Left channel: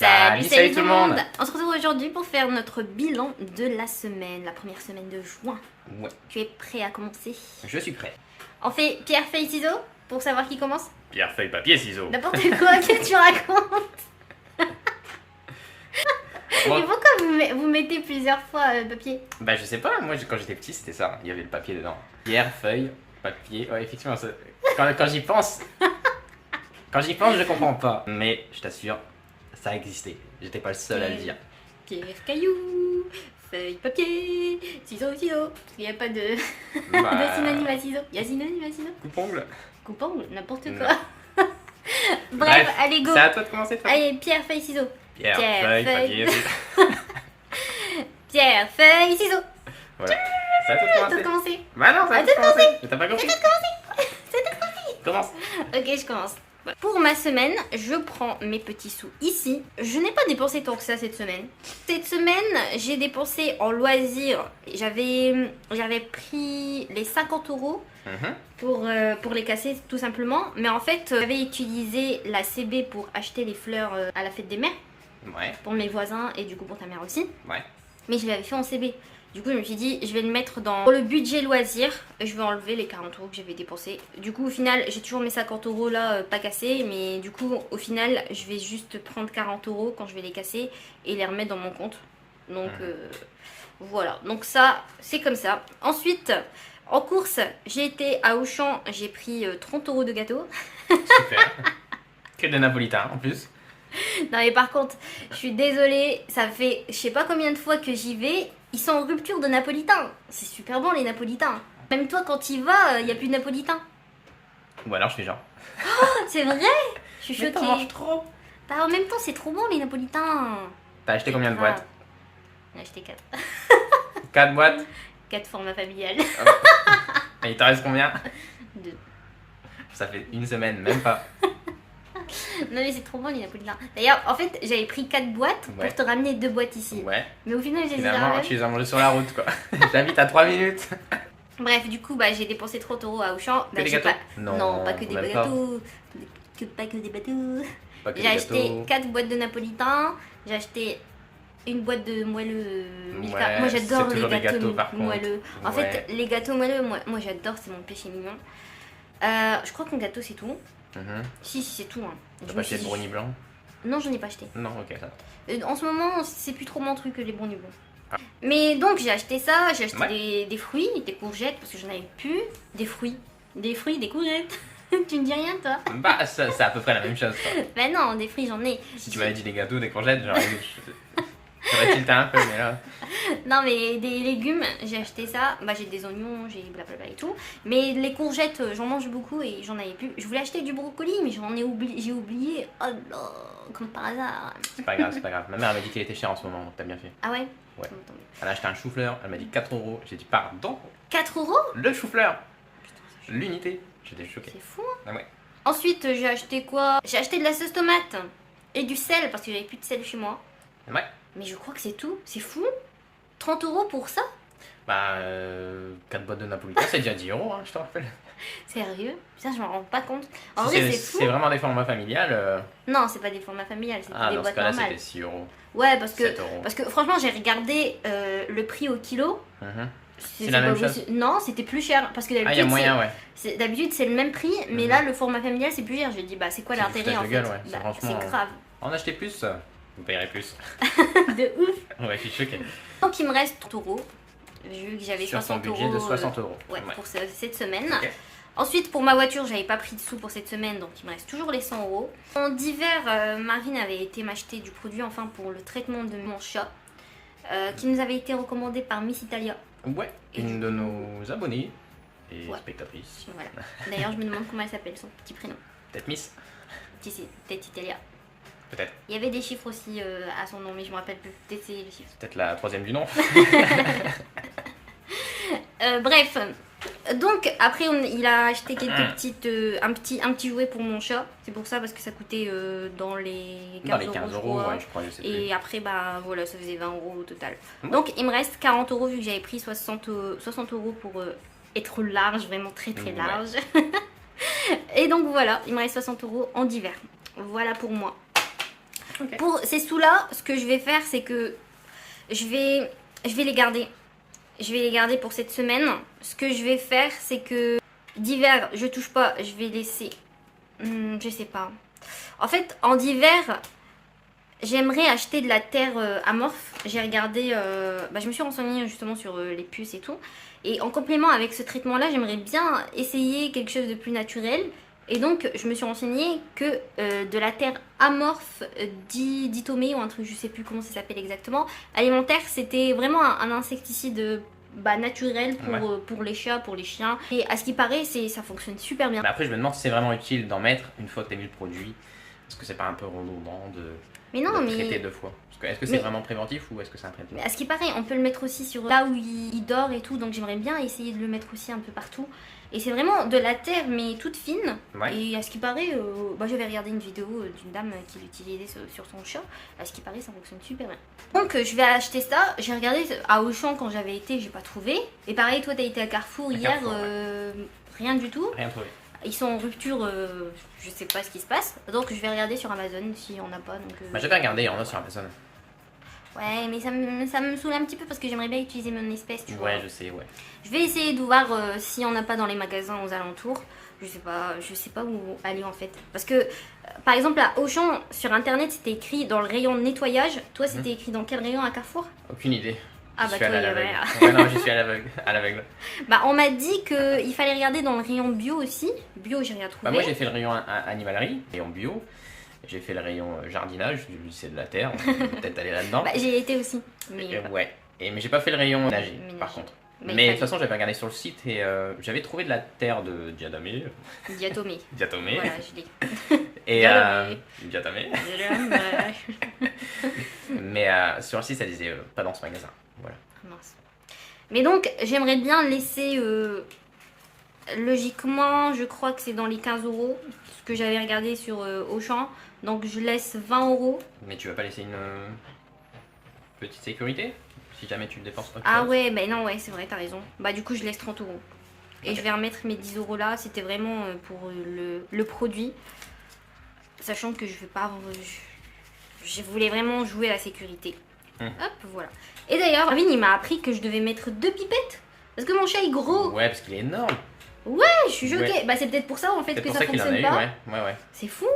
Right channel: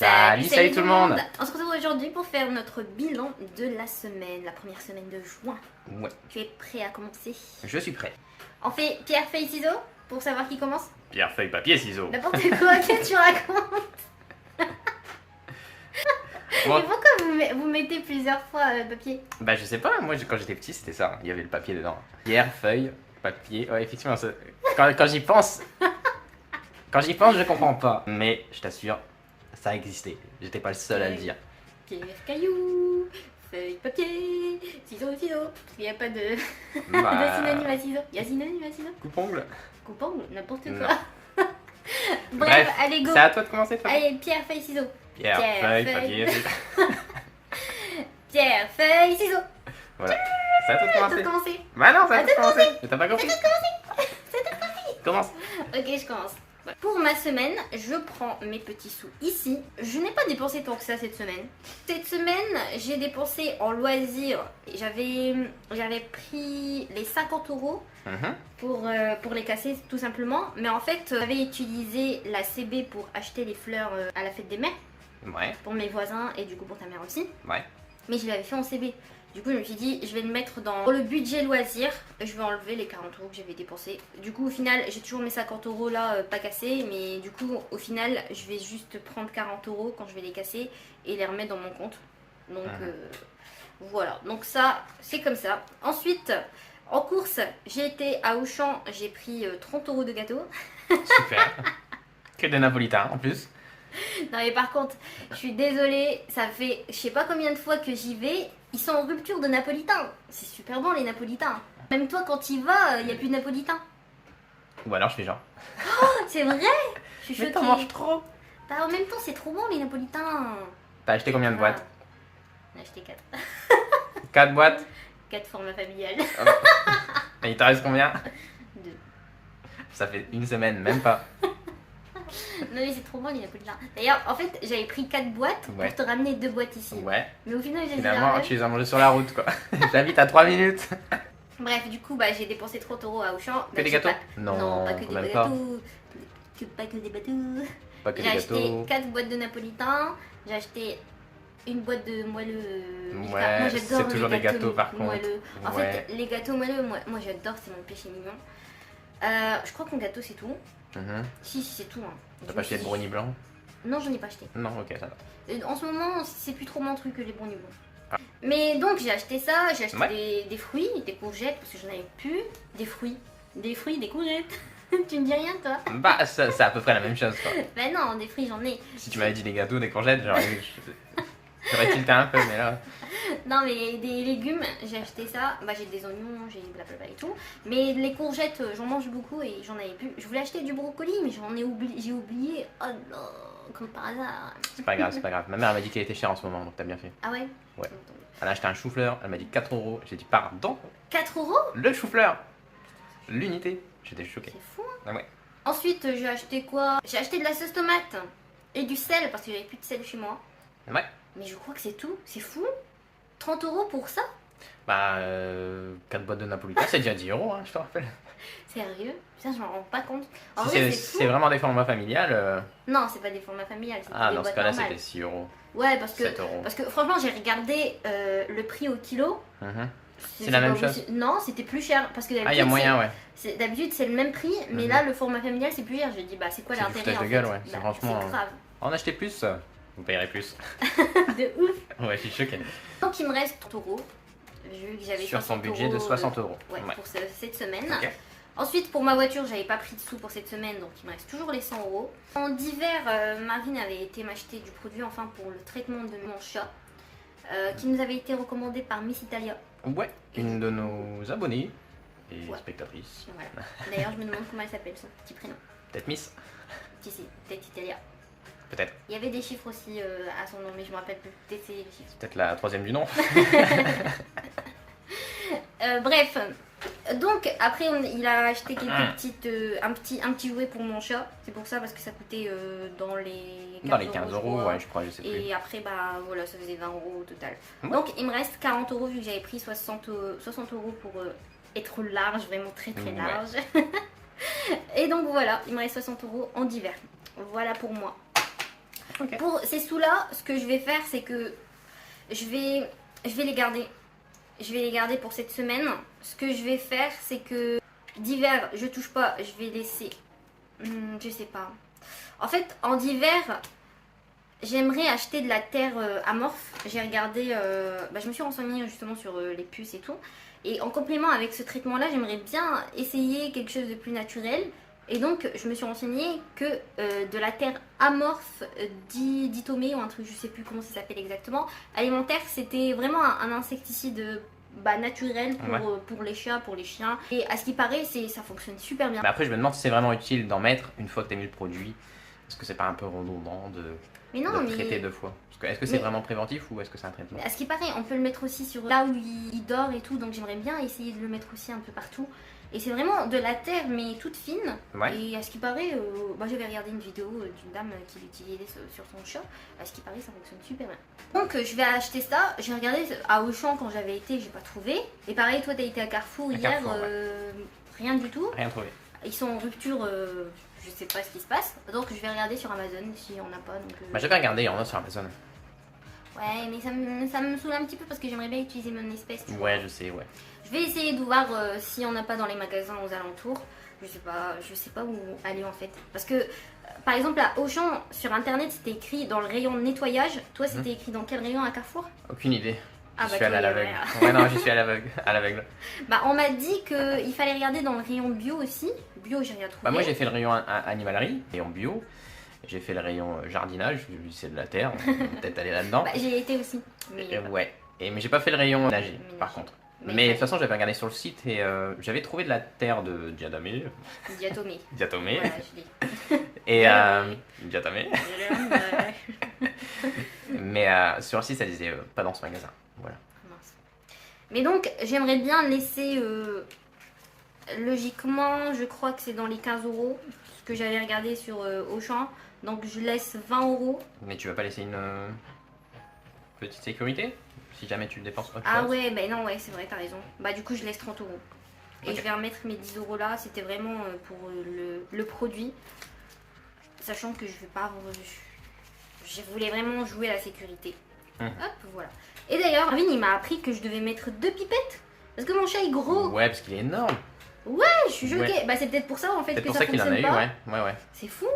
Salut tout le monde. On se retrouve aujourd'hui pour faire notre bilan de la semaine, la première semaine de juin. Ouais, Tu es prêt à commencer? je suis prêt. On fait pierre, feuille, ciseaux pour savoir qui commence? Pierre, feuille, papier, ciseaux. N'importe quoi que tu racontes. Bon. Et pourquoi vous mettez plusieurs fois papier? Bah je sais pas, moi quand j'étais petit c'était ça, il y avait le papier dedans. Pierre, feuille, papier, ouais effectivement, quand j'y pense, je comprends pas. Mais je t'assure, ça existait, j'étais pas le seul à le dire. Pierre, caillou, feuille, papier, ciseaux, ciseaux. Il n'y a pas de, Bah, de synonyme à ciseaux. Il y a synonyme à ciseaux? coupe-ongle. Coupe-ongle, n'importe Non. quoi. Bref, allez go. C'est à toi de commencer, Fabien. Allez, pierre, feuille, ciseaux. Pierre, Pierre, feuille, feuille. papier, ciseaux. Pierre, feuille, ciseaux. Voilà, c'est à toi de T'as commencer. commencé. Bah non, c'est à toi de commencer. Mais t'as pas compris. Commence. Ok, je commence. Pour ma semaine, je prends mes petits sous ici. Je n'ai pas dépensé tant que ça cette semaine. Cette semaine, j'ai dépensé en loisirs. J'avais pris les 50 € pour les casser tout simplement. Mais en fait, j'avais utilisé la CB pour acheter les fleurs à la fête des mères. Ouais, Pour mes voisins et du coup pour ta mère aussi. ouais. Mais je l'avais fait en CB. Du coup, je me suis dit, je vais le mettre dans le budget loisir. Je vais enlever les 40 € que j'avais dépensés. Du coup, au final, j'ai toujours mes 50 € là, pas cassés. Mais du coup, au final, je vais juste prendre 40 € quand je vais les casser et les remettre dans mon compte. Donc, voilà. Donc ça, c'est comme ça. Ensuite, en course, j'ai été à Auchan. J'ai pris 30 € de gâteau. Super. Que de napolitain en plus. Non mais par contre, je suis désolée, ça fait je sais pas combien de fois que j'y vais, ils sont en rupture de napolitain. C'est super bon les napolitains. Même toi quand tu y vas, il n'y a plus de napolitain. Ou alors je fais genre. C'est vrai? Je suis Mais t'en choquée. manges trop. Bah, en même temps, c'est trop bon les napolitains. T'as acheté combien de boîtes? J'en ai acheté 4. 4 boîtes. 4 formats familiales. Et il t'en reste combien? 2. Ça fait une semaine, même pas. Non mais c'est trop bon les napolitains. D'ailleurs, en fait, j'avais pris 4 boîtes Ouais. pour te ramener 2 boîtes ici. Ouais. Mais au final, j'ai Finalement, tu les as mangés sur la route, quoi. J'habite à 3 minutes. Bref, du coup, bah, j'ai dépensé 30 € à Auchan. Que Bah, des j'ai gâteaux? pas... Non, pas que des même pas. gâteaux. Pas que des bateaux. Pas que J'ai des acheté gâteaux. 4 boîtes de napolitain. J'ai acheté une boîte de moelleux Milka. Ouais, Moi c'est j'adore toujours les les gâteaux, gâteaux, par contre. moelleux. En Ouais. fait, les gâteaux moelleux, moi j'adore, c'est mon péché mignon. Je crois que mon gâteau c'est tout. Mhm. Si, c'est tout. Hein. T'as Je pas me acheté suis de dit- brownie blanc? Non, j'en ai pas acheté. Non, ok, ça va. En ce moment, c'est plus trop mon truc que les brownies blancs. Ah. Mais donc j'ai acheté ça, j'ai acheté Ouais. des fruits, des courgettes parce que j'en avais plus. Des fruits, des courgettes. Tu me dis rien toi? Bah, c'est à peu près la même chose, quoi. Bah non, des fruits j'en ai. Si tu m'avais dit des gâteaux, des courgettes, j'aurais tilté un peu, mais là. Non mais des légumes, j'ai acheté ça, bah j'ai des oignons, j'ai blablabla et tout. Mais les courgettes, j'en mange beaucoup et j'en avais plus. Je voulais acheter du brocoli mais j'ai oublié. Oh là, comme par hasard. C'est pas grave, c'est pas grave. Ma mère elle m'a dit qu'il était cher en ce moment, donc t'as bien fait. Ah ouais? Ouais. Elle a acheté un chou-fleur, elle m'a dit 4 €. J'ai dit, pardon, 4 €? le chou-fleur, l'unité. J'étais choqué. C'est fou. Ah ouais. Ensuite, j'ai acheté quoi? J'ai acheté de la sauce tomate et du sel parce que j'avais plus de sel chez moi. Ouais. Mais je crois que c'est tout. C'est fou. 30 € pour ça? Bah, 4 boîtes de napolitain, c'est déjà 10 €, hein, je te rappelle. Sérieux? Putain, je m'en rends pas compte. En Si vrai, c'est c'est fou. c'est vraiment des formats familiales. Non, c'est pas des formats familiales, c'est Ah, des dans ce boîtes cas-là, normales. c'était 6 €. Ouais, parce que 7 €. Parce que franchement, j'ai regardé le prix au kilo. Mhm. C'est la même pas chose? possible. Non, c'était plus cher. Parce que Ah, il y a d'habitude, moyen, ouais. d'habitude, c'est le même prix. Mais Mhm. là, le format familial, c'est plus cher. J'ai dit, bah, c'est quoi C'est du l'intérêt foutage en de fait? gueule, ouais. Bah, Franchement, c'est grave. En acheter plus, vous payerez plus. De ouf. Ouais, je suis choqué. Donc, il me reste 30 €. Vu que j'avais Sur 60 son budget de 60 €. Ouais, Ouais. pour cette semaine. Ok. Ensuite, pour ma voiture, j'avais pas pris de sous pour cette semaine, donc il me reste toujours les 100 €. En d'hiver, Marine avait été m'acheter du produit enfin pour le traitement de mon chat, qui nous avait été recommandé par Miss Italia. Ouais, une de nos abonnés et Ouais. spectatrices. Voilà. D'ailleurs, je me demande comment elle s'appelle, son petit prénom. Peut-être Miss, Si, c'est peut-être Italia. peut-être. Il y avait des chiffres aussi à son nom, mais je me rappelle plus. Peut-être c'est les chiffres. Peut-être la troisième du nom. Bref. Donc après il a acheté quelques Ah. petites un petit jouet pour mon chat. C'est pour ça parce que ça coûtait dans les 15 Dans les 15 je €, crois. ouais, je crois, je sais plus. Et après bah voilà, ça faisait 20 € au total. Ouais. Donc il me reste 40 € vu que j'avais pris 60 € pour être large, vraiment très très Ouais. large. Et donc voilà, il me reste 60 € en d'hiver. Voilà pour moi. Ok. Pour ces sous-là, ce que je vais faire, c'est que je vais les garder. Je vais les garder pour cette semaine. Ce que je vais faire, c'est que d'hiver, je touche pas. Je vais laisser. Je sais pas. En fait, en hiver, j'aimerais acheter de la terre amorphe. J'ai regardé. Je me suis renseignée justement sur les puces et tout. Et en complément avec ce traitement-là, j'aimerais bien essayer quelque chose de plus naturel. Et donc, je me suis renseignée que de la terre amorphe ditomée ou un truc, je sais plus comment ça s'appelle exactement, alimentaire, c'était vraiment un insecticide naturel pour les chats, pour les chiens. Et à ce qui paraît, ça fonctionne super bien. Bah après, je me demande si c'est vraiment utile d'en mettre une fois que tu as mis le produit. Est-ce que c'est pas un peu redondant Mais non, de traiter deux fois? Est-ce que c'est vraiment préventif ou est-ce que c'est un traitement? Mais à ce qui paraît, on peut le mettre aussi sur là où il dort et tout, donc j'aimerais bien essayer de le mettre aussi un peu partout. Et c'est vraiment de la terre, mais toute fine. Ouais. Et à ce qui paraît, j'avais regardé une vidéo d'une dame qui l'utilisait sur son chat. À ce qui paraît, ça fonctionne super bien. Donc je vais acheter ça. J'ai regardé à Auchan quand j'avais été, j'ai pas trouvé. Et pareil, toi, t'as été à Carrefour hier, Carrefour, rien du tout. Rien trouvé. Ils sont en rupture, je sais pas ce qui se passe. Donc je vais regarder sur Amazon si on n'a pas. J'avais regardé, il y en a sur Amazon. Ouais, mais ça me saoule un petit peu parce que j'aimerais bien utiliser mon espèce, tu vois. Ouais, je sais, ouais. Je vais essayer de voir s'il n'y en a pas dans les magasins aux alentours. Je sais pas où aller en fait. Parce que, par exemple, à Auchan, sur internet, c'était écrit dans le rayon nettoyage. Toi, c'était écrit dans quel rayon à Carrefour? Aucune idée. Ah Je bah suis allé à toi, l'aveugle. ouais. Ouais, non, je suis à l'aveugle. On m'a dit qu'il fallait regarder dans le rayon bio aussi. Bio, j'ai rien trouvé. Moi, j'ai fait le rayon animalerie, rayon bio. J'ai fait le rayon jardinage, j'ai vu que c'est de la terre, on peut peut-être aller là-dedans. J'y ai été aussi. Mais, Ouais, mais j'ai pas fait le rayon nager, par contre. Mais de toute façon, j'avais regardé sur le site et j'avais trouvé de la terre de diatomée. Diatomée. Diatomée. Voilà, je l'ai. Et diatomée. Mais sur le site, ça disait pas dans ce magasin. Voilà. Mince. Mais donc, j'aimerais bien laisser. Logiquement, je crois que c'est dans les 15 €. Ce que j'avais regardé sur Auchan. Donc, je laisse 20 €. Mais tu vas pas laisser une petite sécurité si jamais tu le dépenses autre Ah chose? ouais, non, ouais, c'est vrai, t'as raison. Du coup, je laisse 30 €. Et je vais remettre mes 10 € là. C'était vraiment pour le produit. Sachant que je vais pas. Je voulais vraiment jouer à la sécurité. Hop, voilà. Et d'ailleurs, Marvin, il m'a appris que je devais mettre 2 pipettes. Parce que mon chat est gros. Ouais, parce qu'il est énorme. Je suis choquée. Ouais. C'est peut-être pour ça en fait C'est que pour ça ça qu'il en a fonctionne eu, pas. ouais. C'est fou.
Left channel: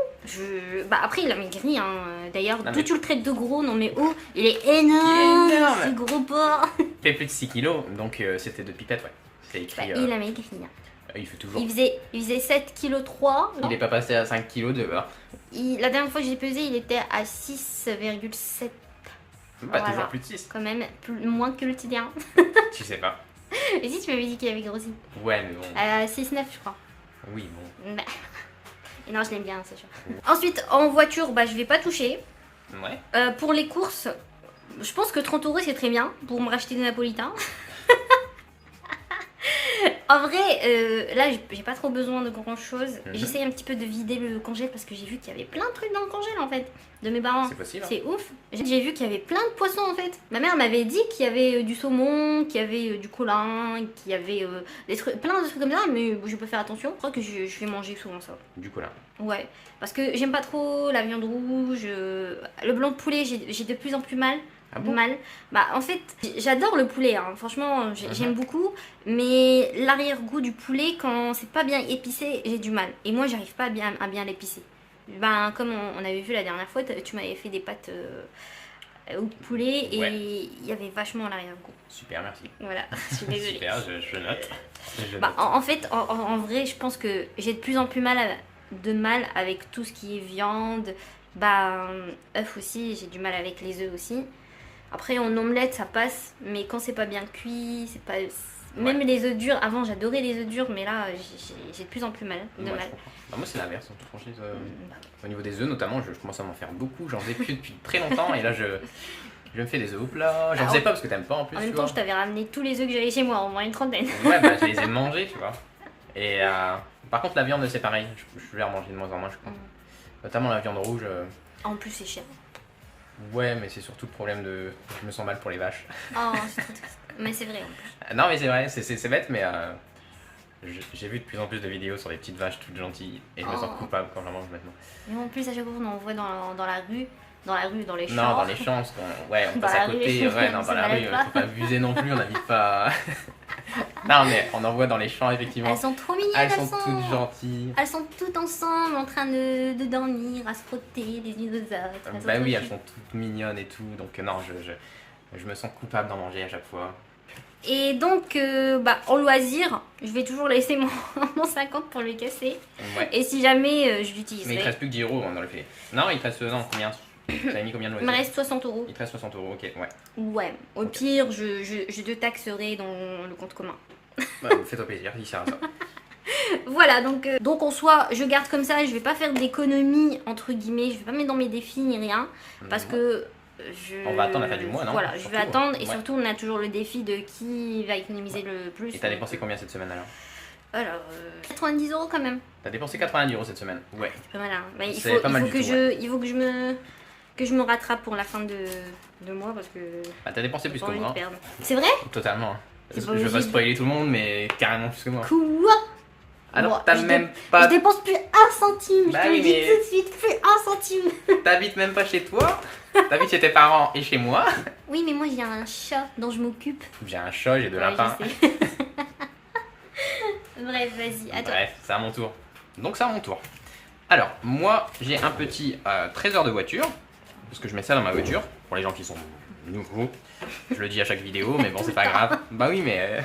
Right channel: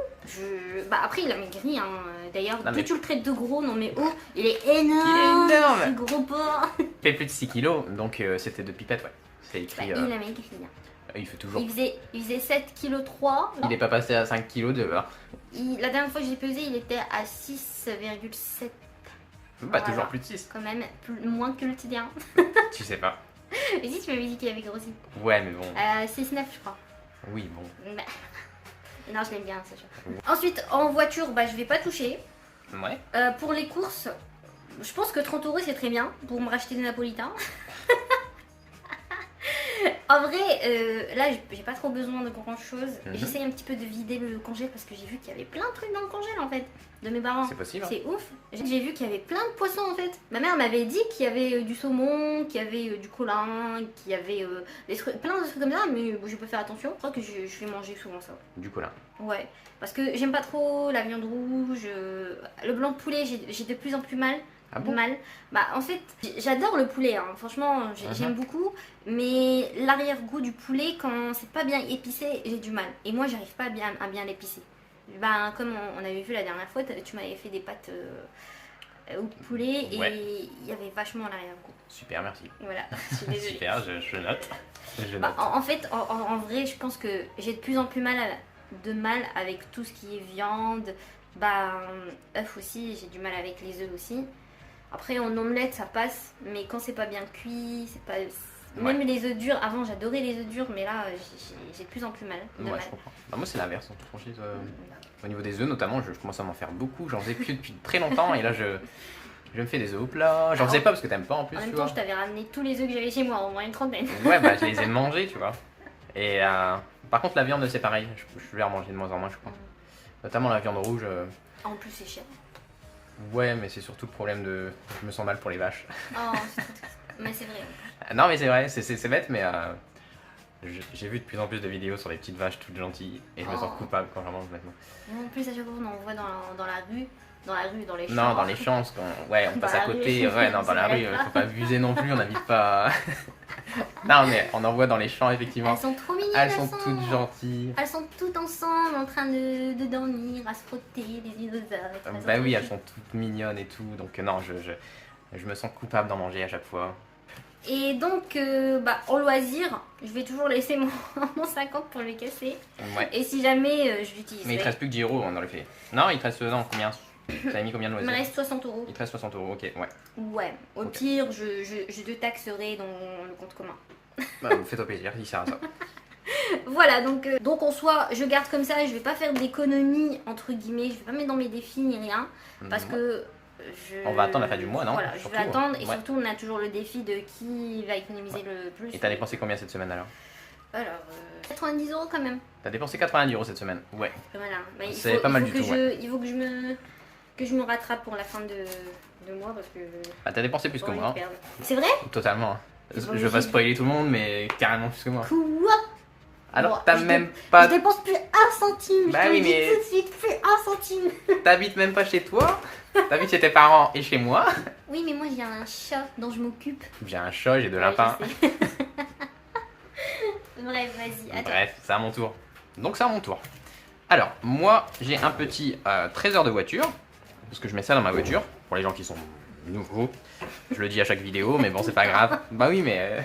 Après, il a maigri. Hein. D'ailleurs, Non, tout mais- tu le traites de gros. Non, mais oh, il est énorme. Il est énorme. Ce gros porc. Il fait plus de 6 kilos, donc c'était de pipettes, ouais. C'est écrit. Il a maigri. Hein. Il fait toujours. Il faisait 7,3 kg. Il n'est pas passé à 5 kilos dehors. La dernière fois que j'ai pesé, il était à 6,7 Bah, Voilà. toujours plus de 6. quand même. Moins que le tien. Tu sais pas. Et si tu m'avais dit qu'il avait grossi. Ouais, mais bon. 6,9 je crois. Oui, bon. Et non, je l'aime bien, c'est sûr. Ensuite, en voiture, je vais pas toucher. Ouais. Pour les courses, je pense que 30 € c'est très bien pour me racheter des napolitains. En vrai, là j'ai pas trop besoin de grand chose. J'essaye un petit peu de vider le congèle parce que j'ai vu qu'il y avait plein de trucs dans le congèle en fait de mes parents. C'est possible. Hein. C'est ouf. J'ai vu qu'il y avait plein de poissons en fait. Ma mère m'avait dit qu'il y avait du saumon, qu'il y avait du colin, qu'il y avait des trucs, plein de trucs comme ça, mais je peux faire attention. Je crois que je vais manger souvent ça. Du colin. Ouais, parce que j'aime pas trop la viande rouge, le blanc de poulet, j'ai de plus en plus mal. Ah bon? Mal. En fait, j'adore le poulet, hein. Franchement, j'aime beaucoup, mais l'arrière-goût du poulet, quand c'est pas bien épicé, j'ai du mal. Et moi, j'arrive pas à bien l'épicer. Comme on avait vu la dernière fois, tu m'avais fait des pâtes au poulet et Ouais. il y avait vachement l'arrière-goût. Super, merci. Voilà, je suis désolée. Super, je note. Je note. En fait, en vrai, je pense que j'ai de plus en plus mal avec tout ce qui est viande. Œufs aussi, j'ai du mal avec les œufs aussi. Après, en omelette, ça passe, mais quand c'est pas bien cuit, c'est pas. Même les œufs durs, avant j'adorais les œufs durs, mais là j'ai de plus en plus mal. Ouais, je comprends. Moi, c'est l'inverse, en toute franchise. Au niveau des œufs, notamment, je commence à m'en faire beaucoup. J'en faisais plus depuis très longtemps et là, je me fais des œufs au plat. J'en faisais pas parce que t'aimes pas en plus. En tu même vois. temps, je t'avais ramené tous les œufs que j'avais chez moi, au moins une trentaine. Ouais, je les ai mangés, tu vois. Et par contre, la viande, c'est pareil. Je vais en manger de moins en moins, je crois. Notamment la viande rouge. En plus, c'est cher. Ouais, mais c'est surtout le problème de. Je me sens mal pour les vaches. Oh, c'est trop triste. Mais c'est vrai. Non, mais c'est vrai, c'est bête, mais j'ai vu de plus en plus de vidéos sur des petites vaches toutes gentilles et je me sens coupable quand j'en mange maintenant. Mais en plus, à chaque fois qu'on en voit dans la rue, dans la rue, dans les champs. Non, dans les champs, parce qu'on ouais, on Dans passe à la rue. côté. Ouais, non, dans Ça la rue, m'arrête pas. faut pas abuser non plus, on n'habite pas. Non, mais on en voit dans les champs, effectivement. Elles sont trop mignonnes, Elles sont toutes gentilles. Elles sont toutes ensemble en train de dormir, à se frotter les unes aux autres. Elles sont Bah trop oui, elles cute. sont toutes mignonnes et tout, donc non, je me sens coupable d'en manger à chaque fois. Et donc, en loisir, je vais toujours laisser mon 50 pour le casser. Ouais. Et si jamais je Mais il te l'utiliserai, reste plus que 10 euros dans le filet. Non, il te reste non, combien? T'as mis combien de il me loisirs? reste 60 euros. Il te reste 60 euros, ok, ouais. Ouais, au Ok. pire, je te taxerai dans le compte commun. Bah, fais-toi plaisir, il sert à ça. Voilà, donc en soi, je garde comme ça, je vais pas faire d'économie, entre guillemets, je vais pas mettre dans mes défis ni rien, parce que On va attendre la fin du mois, non? Voilà, je Surtout, vais attendre, et ouais. surtout, on a toujours le défi de qui va économiser le plus. Et t'as dépensé combien cette semaine alors? Alors, 90 euros quand même. T'as dépensé 90 euros cette semaine? Ouais. Voilà, bah, C'est pas mal du que tout, il faut que je me rattrape pour la fin de mois, parce que Ah, t'as dépensé plus j'ai que pas envie moi, de perdre. C'est vrai? hein. Totalement. C'est Je pas vais pas logique. spoiler tout le monde, mais carrément plus que moi. Quoi? Alors Moi, t'as je même Je pas... dépense plus un centime, Bah je te oui, le dis mais- tout de suite, plus un centime. T'habites même pas chez toi. T'habites chez tes parents et chez moi. Oui, mais moi j'ai un chat dont je m'occupe. J'ai un chat, j'ai de Ouais, lapins. je sais. Bref, vas-y, attends. Bref, c'est à mon tour. Donc c'est à mon tour. Alors, moi, j'ai un petit trésor de voiture. Parce que je mets ça dans ma voiture. Pour les gens qui sont nouveaux. Je le dis à chaque vidéo, mais bon, c'est pas grave. Bah oui, mais...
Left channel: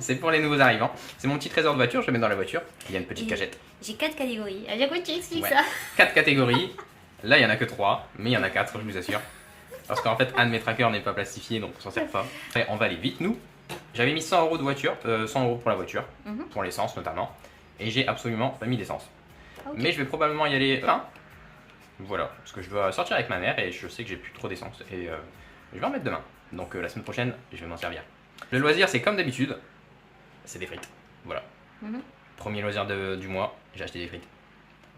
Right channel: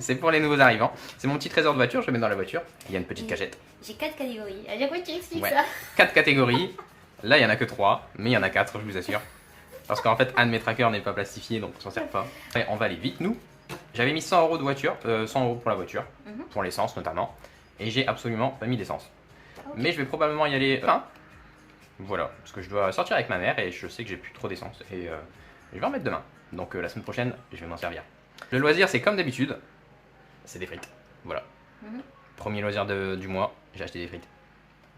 c'est pour les nouveaux arrivants. C'est mon petit trésor de voiture, je le mets dans la voiture. Il y a une petite cachette. J'ai 4 catégories. À chaque fois, tu expliques Ouais. ça. 4 catégories. Là, il y en a que 3, mais il y en a 4, je vous assure. Parce qu'en fait, un de mes trackers n'est pas plastifié, donc on s'en sert pas. Après, on va aller vite, nous. J'avais mis 100 euros de voiture, 100 euros pour la voiture, Mhm. pour l'essence notamment. Et j'ai absolument pas mis d'essence. Ok. Mais je vais probablement y aller. Enfin, voilà, parce que je dois sortir avec ma mère et je sais que j'ai plus trop d'essence. Et je vais en mettre demain. Donc la semaine prochaine, je vais m'en servir. Le loisir, c'est comme d'habitude, c'est des frites. Voilà. Mhm. Premier loisir du mois, j'ai acheté des frites.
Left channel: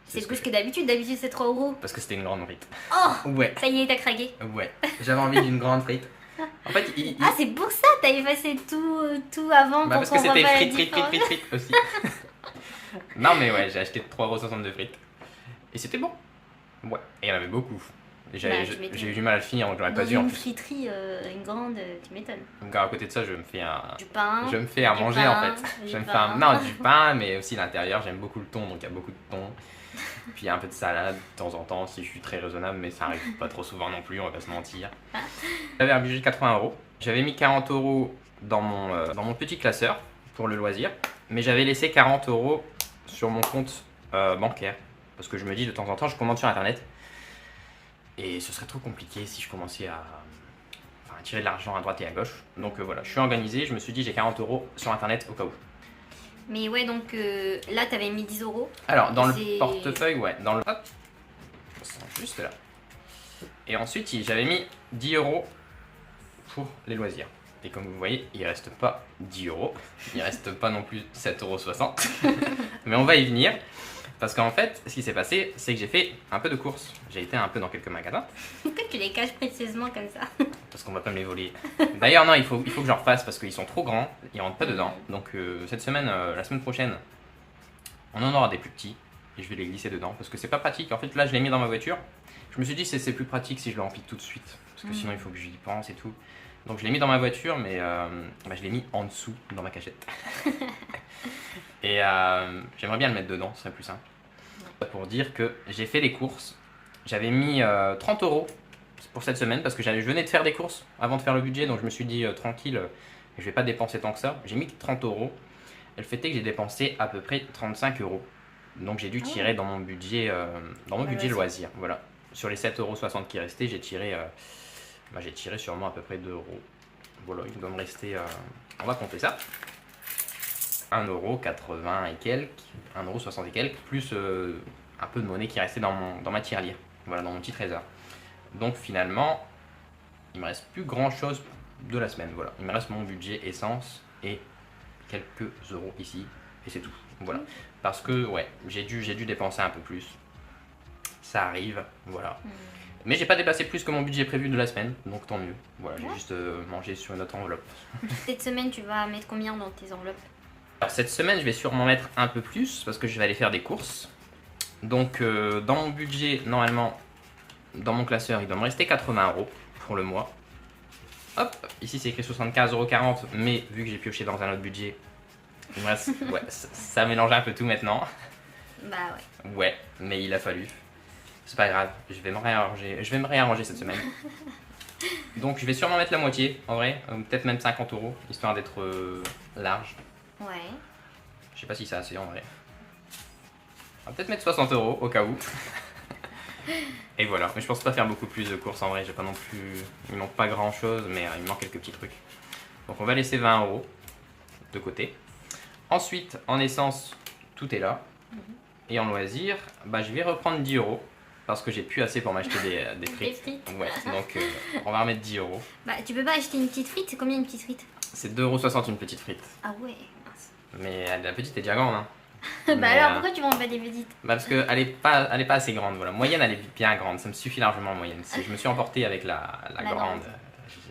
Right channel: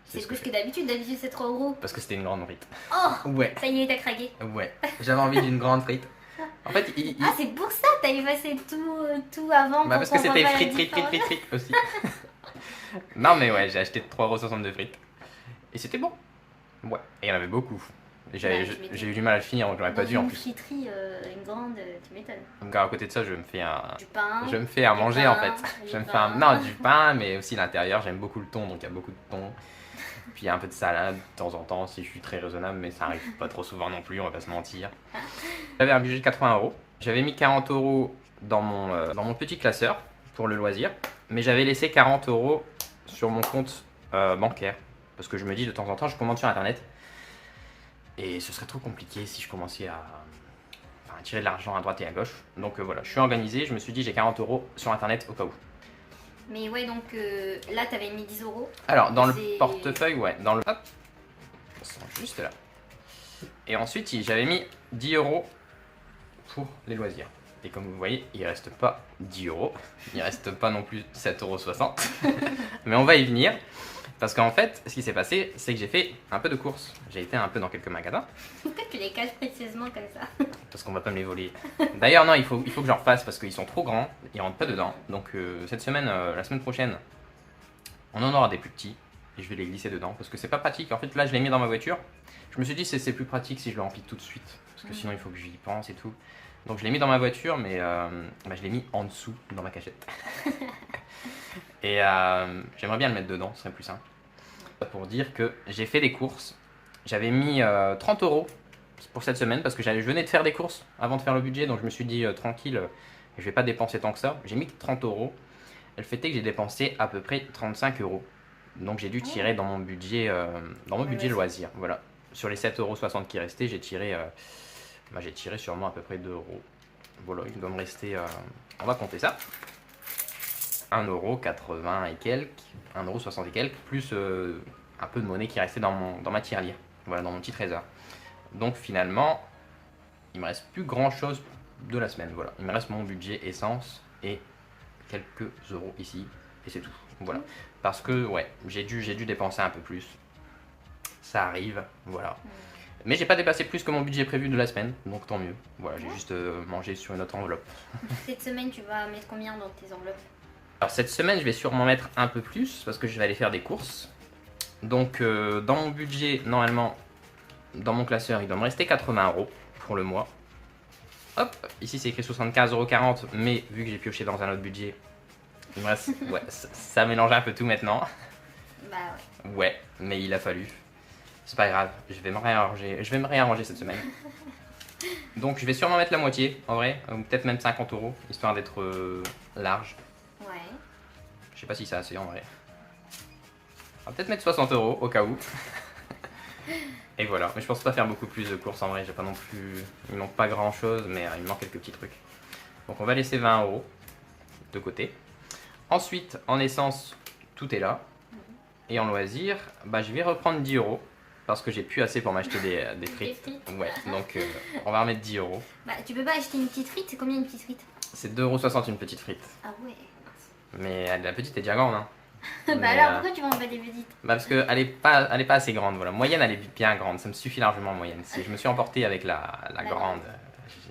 C'est ce plus je que d'habitude. D'habitude, c'est 3 euros. Parce que c'était une grande frite. Oh, Ouais, ça y est, t'as craqué. ouais. J'avais envie d'une grande frite. En fait, Ah, c'est pour ça t'as effacé tout avant. bah pour parce que c'était comprendre la frites, frites, différence. frites, frites, frites aussi. Non, mais ouais, j'ai acheté 3,62 € frites. Et c'était bon. Ouais, et il y en avait beaucoup. Ouais, tu m'étonnes. J'ai eu du mal à le finir, donc j'aurais pas Dans dû en une plus. friterie, une grande, tu m'étonnes. Donc à côté de ça, je me fais Du pain. je me fais à du manger pain, en fait. du Je me fais pain. non, du pain, mais aussi l'intérieur. J'aime beaucoup le thon, donc il y a beaucoup de thon. Puis il y a un peu de salade de temps en temps si je suis très raisonnable, mais ça arrive pas trop souvent non plus, on va pas se mentir. J'avais un budget de 80 euros. J'avais mis 40 euros dans mon petit classeur pour le loisir, mais j'avais laissé 40 euros sur mon compte bancaire. Parce que je me dis de temps en temps, je commande sur internet. Et ce serait trop compliqué si je commençais à tirer de l'argent à droite et à gauche. Donc voilà, je suis organisé, je me suis dit j'ai 40 euros sur internet au cas où. Mais ouais, donc là, t'avais mis 10 euros. Alors, dans le C'est- portefeuille, ouais, dans le. Hop, ça sera juste là. Et ensuite, j'avais mis 10 euros pour les loisirs. Et comme vous voyez, il reste pas 10 euros. Il reste pas non plus 7,60 €. Mais on va y venir. Parce qu'en fait, ce qui s'est passé, c'est que j'ai fait un peu de courses. J'ai été un peu dans quelques magasins. Pourquoi tu les caches précieusement comme ça? Parce qu'on va pas me les voler. D'ailleurs, non, il faut que j'en refasse parce qu'ils sont trop grands. Ils rentrent pas dedans. Donc, cette semaine, la semaine prochaine, on en aura des plus petits. Et je vais les glisser dedans. Parce que c'est pas pratique. En fait, là, je l'ai mis dans ma voiture. Je me suis dit, c'est plus pratique si je le remplis tout de suite. Parce que sinon, il faut que j'y pense et tout. Donc, je l'ai mis dans ma voiture, mais je l'ai mis en dessous dans ma cachette. Et j'aimerais bien le mettre dedans, ce serait plus simple. Pour dire que j'ai fait des courses. J'avais mis 30 euros pour cette semaine parce que je venais de faire des courses avant de faire le budget. Donc je me suis dit tranquille, je vais pas dépenser tant que ça. J'ai mis 30 euros. Et le fait est que j'ai dépensé à peu près 35 euros. Donc j'ai dû tirer dans mon budget, loisir. Voilà. Sur les 7,60 € qui restaient, j'ai tiré sûrement à peu près 2 euros. Voilà, il doit me rester. On va compter ça. 1,80 € et quelques, 1,60 € et quelques, plus un peu de monnaie qui restait dans ma tirelire, voilà, dans mon petit trésor. Donc finalement, il me reste plus grand chose de la semaine, voilà. Il me reste mon budget essence et quelques euros ici, et c'est tout, voilà. Parce que, ouais, j'ai dû dépenser un peu plus, ça arrive, voilà. Mais j'ai pas dépassé plus que mon budget prévu de la semaine, donc tant mieux. Voilà, j'ai juste mangé sur une autre enveloppe. Cette semaine, tu vas mettre combien dans tes enveloppes? Alors cette semaine, je vais sûrement mettre un peu plus parce que je vais aller faire des courses. Donc dans mon budget, normalement, dans mon classeur, il doit me rester 80 € pour le mois. Hop, ici c'est écrit 75,40 €, mais vu que j'ai pioché dans un autre budget, il me reste, ouais, ça mélange un peu tout maintenant. Bah ouais. Ouais, mais il a fallu. C'est pas grave, je vais me réarranger cette semaine. Donc je vais sûrement mettre la moitié, en vrai, ou peut-être même 50 €, histoire d'être large. Ouais. Je sais pas si c'est assez en vrai. On va peut-être mettre 60 € au cas où. Et voilà, mais je pense pas faire beaucoup plus de courses en vrai, j'ai pas non plus... Il manque pas grand chose, mais il me manque quelques petits trucs. Donc on va laisser 20 € de côté. Ensuite, en essence, tout est là. Et en loisir, bah, je vais reprendre 10 € parce que j'ai plus assez pour m'acheter des frites. Des frites. Ouais, donc on va remettre 10 €. Bah tu peux pas acheter une petite frite, c'est combien une petite frite? C'est 2,60 € une petite frite. Ah ouais. Mais la petite est déjà grande, hein. Bah Mais, alors pourquoi tu m'en fais des petites? Bah parce qu'elle est pas assez grande, voilà. Moyenne, elle est bien grande, ça me suffit largement en moyenne. Si je me suis emporté avec la grande,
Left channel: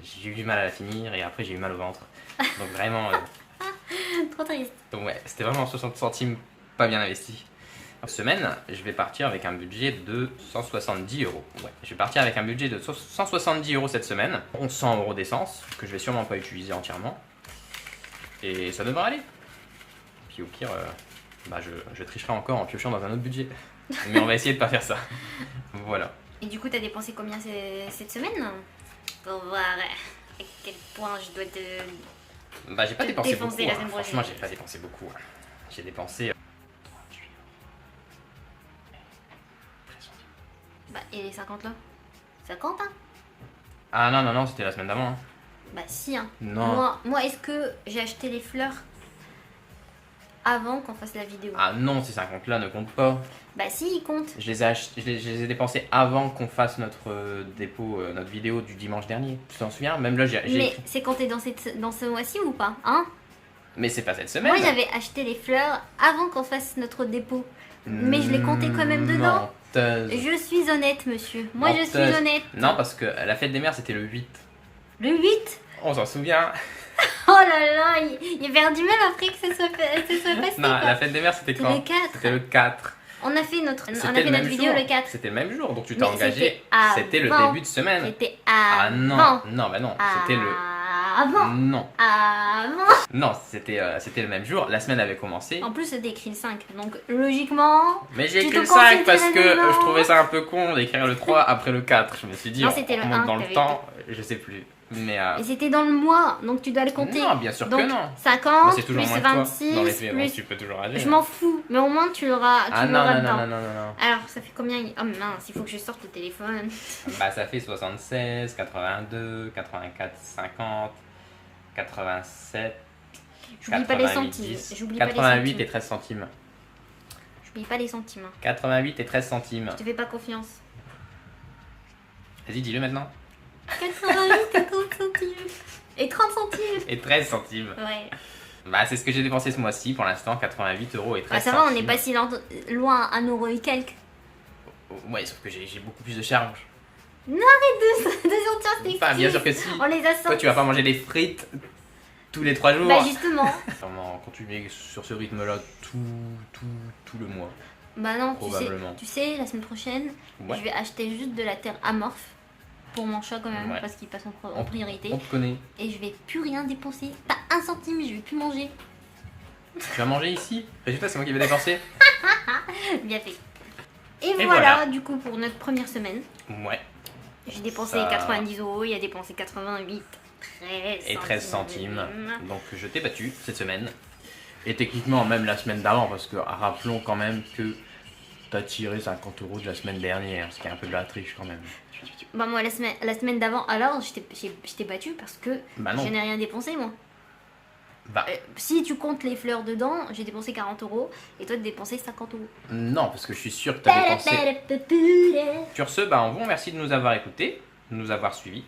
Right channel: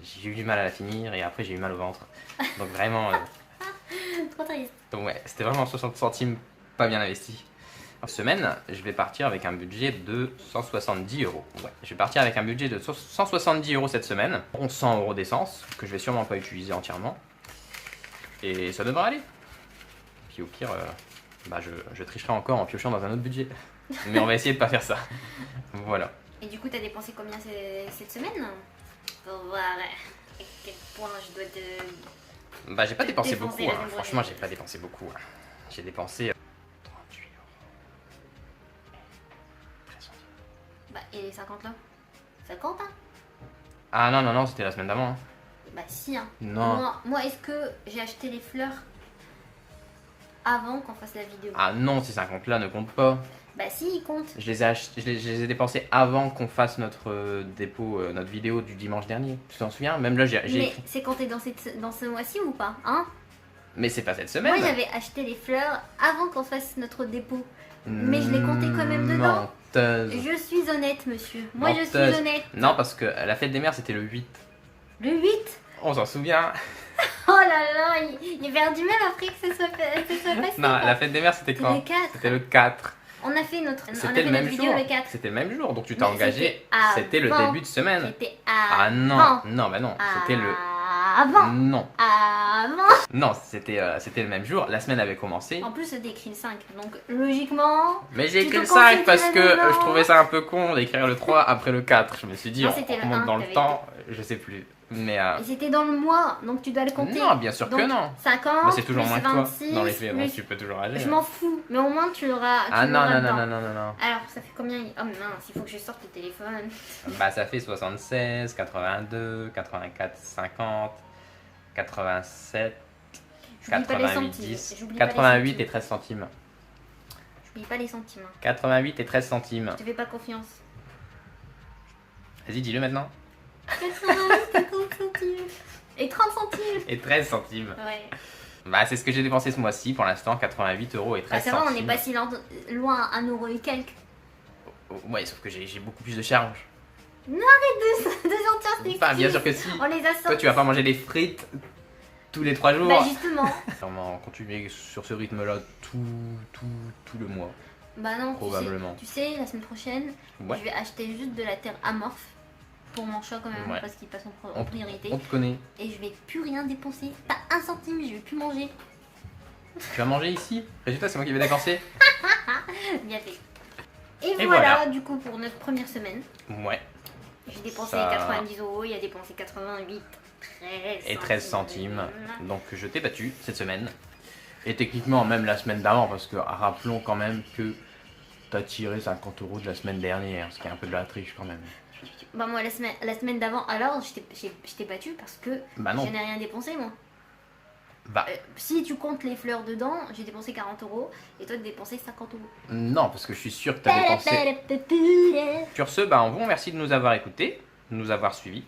j'ai eu du mal à la finir et après j'ai eu mal au ventre. Donc vraiment, Trop triste. donc ouais, c'était vraiment 60 centimes pas bien investi. En semaine, je vais partir avec un budget de 170 €. Ouais, je vais partir avec un budget de 170 € cette semaine. 100 € d'essence, que je vais sûrement pas utiliser entièrement. Et ça devrait aller. Puis au pire, bah je tricherai encore en piochant dans un autre budget. Mais on va essayer de pas faire ça. Voilà. Et du coup t'as dépensé combien cette semaine? Pour voir à quel point je dois te... Bah j'ai pas Te dépensé défoncer beaucoup, la hein. semaine Franchement prochaine. j'ai pas dépensé beaucoup. Hein. J'ai dépensé 38 €. Bah et les 50 là? 50 hein? Ah non, non, non, c'était la semaine d'avant. Hein. Bah si hein. Non. Moi est-ce que j'ai acheté les fleurs avant qu'on fasse la vidéo? Ah non, ces 50 là ne comptent pas. Bah si ils comptent. Je les ai dépensés avant qu'on fasse notre dépôt, notre vidéo du dimanche dernier. Tu t'en souviens? Même là, j'ai Mais écrit. c'est compté dans ce mois-ci ou pas? Hein? Mais c'est pas cette semaine. Moi j'avais acheté les fleurs avant qu'on fasse notre dépôt. Mais je l'ai compté quand même dedans. Menteuse. Je suis honnête monsieur. Moi je suis Menteuse. honnête. Non, parce que la fête des mères c'était le 8. Le 8? On s'en souvient. Oh là là, il a perdu même après que ce soit passé. Non, quoi. la fête des mères c'était C'était quand? le 4. C'était le 4. On a fait notre, C'était le même vidéo jour. le 4. C'était le même jour, donc tu Mais t'es engagé. c'était C'était le avant. début de semaine. C'était Ah avant. non, non, bah non, c'était le. Avant. Non, Avant. non, c'était le même jour. La semaine avait commencé. En plus, c'était écrit le 5. Donc, logiquement. Mais j'ai Tu écrit te le 5 parce considères que dedans. je trouvais ça un peu con d'écrire le 3 après le 4. Je me suis dit, Non, on c'était le remonte 1 dans que le t'avais temps, je sais plus. Mais Et c'était dans le mois. Donc, tu dois le compter. non, bien sûr donc, que non. 50. Mais c'est toujours plus moins que toi. 26. Dans les faits, bon, plus... tu peux toujours aller. Je m'en fous. Mais au moins, tu l'auras. Ah tu non, l'auras non, dedans. non, non, non, non. Alors, ça fait combien? Oh mince, il faut que je sorte le téléphone. Bah ça fait 76, 82, 84, 50, 87, J'oublie pas les 88, centimes. 10, J'oublie pas les 88 centimes. et 13 centimes. J'oublie pas les centimes. 88 et 13 centimes. Je te fais pas confiance. Vas-y, dis-le maintenant. 88 et 30 centimes. Et 30 centimes. Et 13 centimes. Ouais. Bah c'est ce que j'ai dépensé ce mois-ci pour l'instant, 88 € et 13 Bah ça va, on centimes. est pas si loin, 1 € et quelques. Ouais, sauf que j'ai beaucoup plus de charges. Deux centimes, c'est Bah bien sûr que si. On les a sortis. Toi tu vas pas manger des frites tous les 3 jours. Bah justement. Sûrement continuer sur ce rythme-là tout le mois. Bah non, Probablement. tu sais, la semaine prochaine, Ouais. je vais acheter juste de la terre amorphe pour mon chat quand même, Ouais. parce qu'il passe en priorité. On te connaît. Et je vais plus rien dépenser. Pas 1 centime, je vais plus manger. Tu vas manger ici. Résultat, c'est moi qui vais dépenser. Bien fait. Et Et voilà, voilà. du coup, pour notre première semaine. Ouais. J'ai dépensé Ça- 90 €, il a dépensé 88, 13 Et 13 centimes. Donc je t'ai battu cette semaine. Et techniquement même la semaine d'avant, parce que rappelons quand même que t'as tiré 50 € de la semaine dernière, ce qui est un peu de la triche quand même. Bah moi, la semaine d'avant, alors, je t'ai battu parce que Bah non. je n'ai rien dépensé, moi. Bah Si tu comptes les fleurs dedans, j'ai dépensé 40 € et toi, tu as dépensé 50 €. non, parce que je suis sûr que t'as dépensé. Sur ce, bah on vous remercie de nous avoir écoutés, de nous avoir suivis.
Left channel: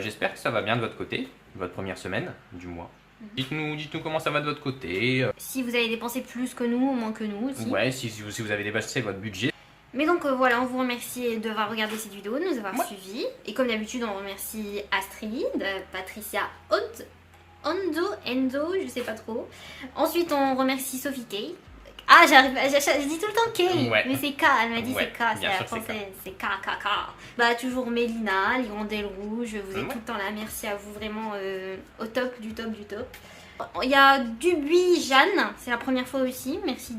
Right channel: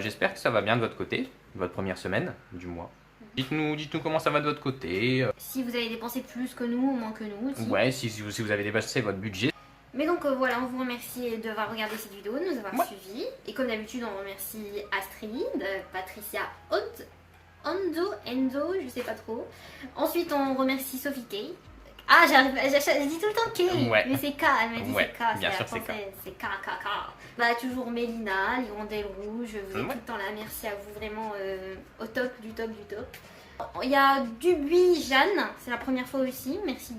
J'espère que ça va bien de votre côté, votre première semaine du mois. Dites-nous comment ça va de votre côté. Si vous avez dépensé plus que nous ou moins que nous aussi. Ouais, si vous avez dépassé votre budget. Mais donc voilà, on vous remercie d'avoir regardé cette vidéo, de nous avoir Ouais. suivis. Et comme d'habitude, on remercie Astrid, Patricia Enzo, je sais pas trop. Ensuite, on remercie Sophie Tay, Ah, je dis tout le temps K, Ouais. mais c'est K, elle m'a dit Ouais, c'est K, c'est bien la sûr, c'est K. française, c'est K, K, K. Bah, toujours Mélina, l'hirondelle rouge, vous êtes Ouais. tout le temps là, merci à vous, vraiment au top, du top, du top. Il y a Dubuis Jeanne, c'est la première fois aussi, merci.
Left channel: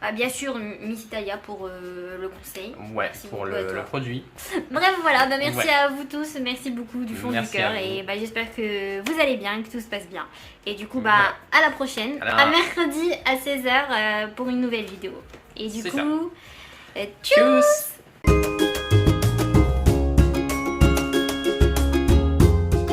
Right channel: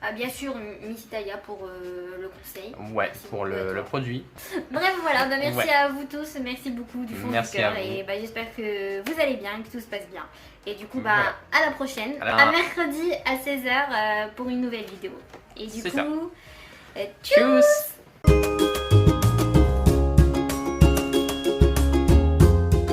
Ah, bien sûr, Miss Italia pour le conseil. Ouais, Merci pour beaucoup à toi. le produit. Bref, voilà, bah, merci Ouais. à vous tous, merci beaucoup du fond Merci du cœur à vous. et bah, j'espère que vous allez bien, que tout se passe bien. Et du coup, bah, Voilà. à la prochaine, Alors- à mercredi à 16h pour une nouvelle vidéo. Et du C'est coup, ça. tchuss. Tchuss!